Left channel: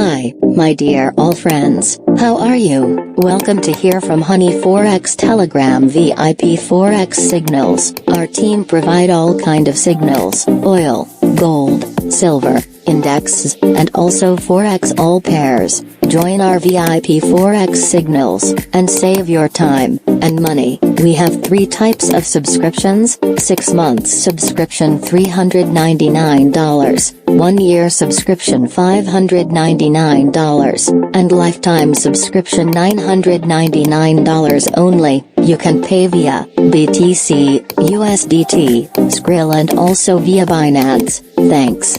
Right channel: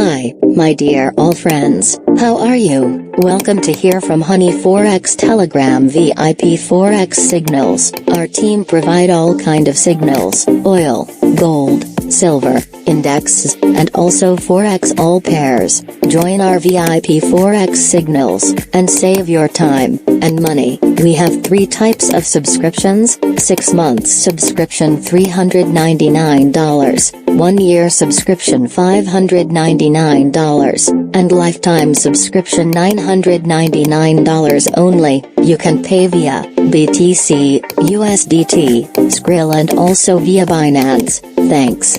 Hi, my dear all friends, how are you? Welcome to Hear from Honey Forex Telegram VIP Forex Signals. Our team provide all kind of signals, oil, gold, silver, indexes, and also Forex all pairs. Join our VIP Forex Signals, and save your time and money. We have 3 types of subscriptions: 6 months subscription $399, 1 year subscription $599, and lifetime subscription $999 only. You can pay via BTC, USDT, Skrill and also via Binance. Thanks.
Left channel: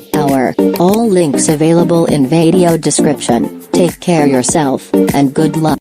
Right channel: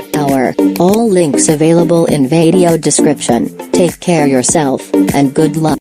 All links available in video description. Take care yourself, and good luck.